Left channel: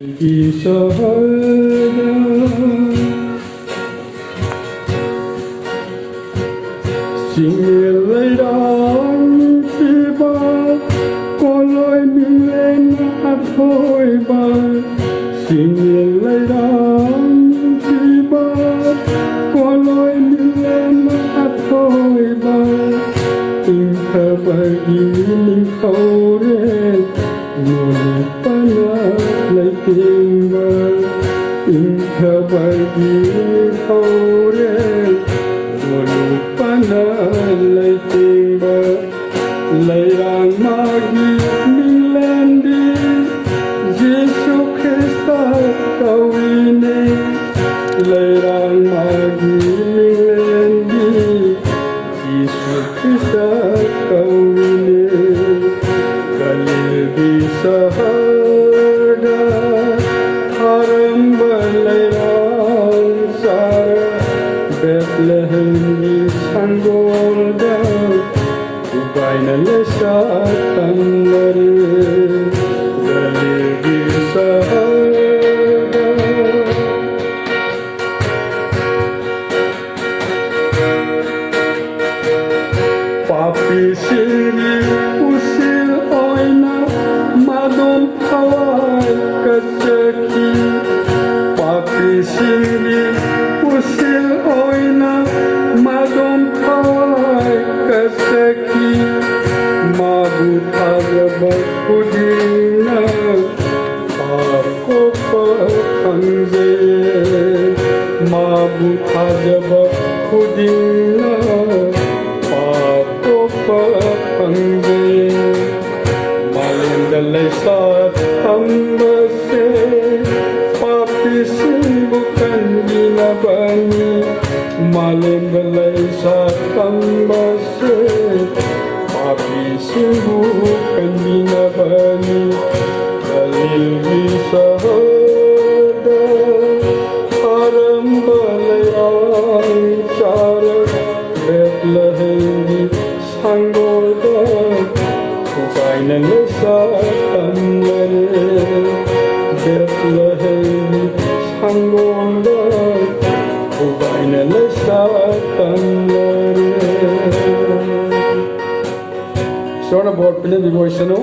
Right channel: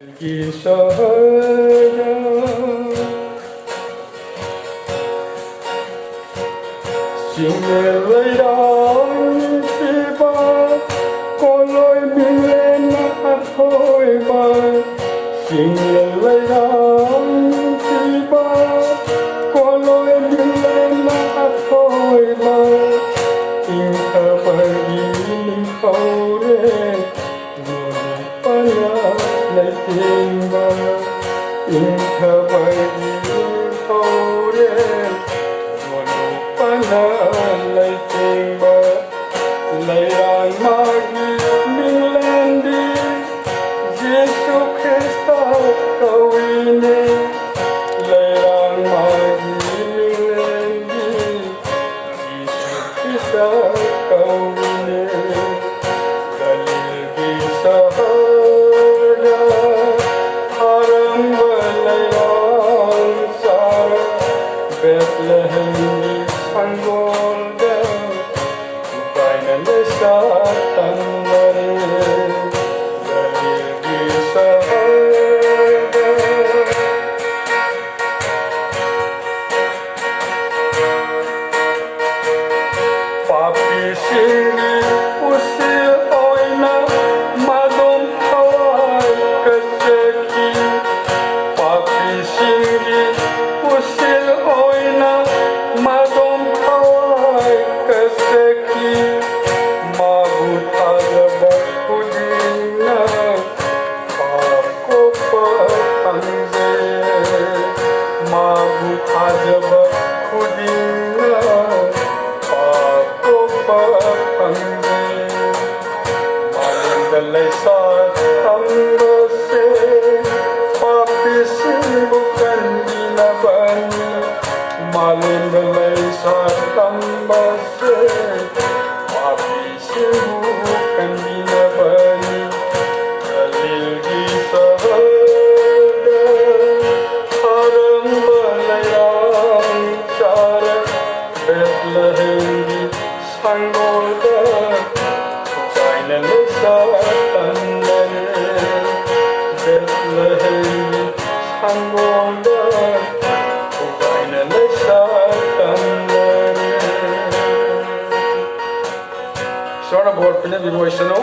Isahara Singelayang tiba Kolay bilena at hoiba Singelayang tiba Kolay bilena at hoiba Tingka pag-iling kaure Ngunit pala lại timba Tingka pag-iling kaure Ngunit pala lại timba Layang magigilandi Yesu Krista kawini Layang magigilandi Yesu Krista kawini Kaligi sahara Haram balayang sarang Bethlehem di sanggolda Ubay na lesa tanlare Kaligi sahara Papi sini usil oina madon kawai kaceki Papi sini usil oina madon kawai kaceki Mabut agabak kudina ako pakanzay Mabut agabak kudina Malindalay sa tambase Papisin bukan ginabani Malindalay sa tambase Papisin bukan ginabani Kalilgi sa hada Harang balayang sarang Bethlehem di sanggolda Ubay na lesa tanlare Bethlehem di sanggolda Ubay na lesa tanlare Sort of what Pinay Vivoy Sano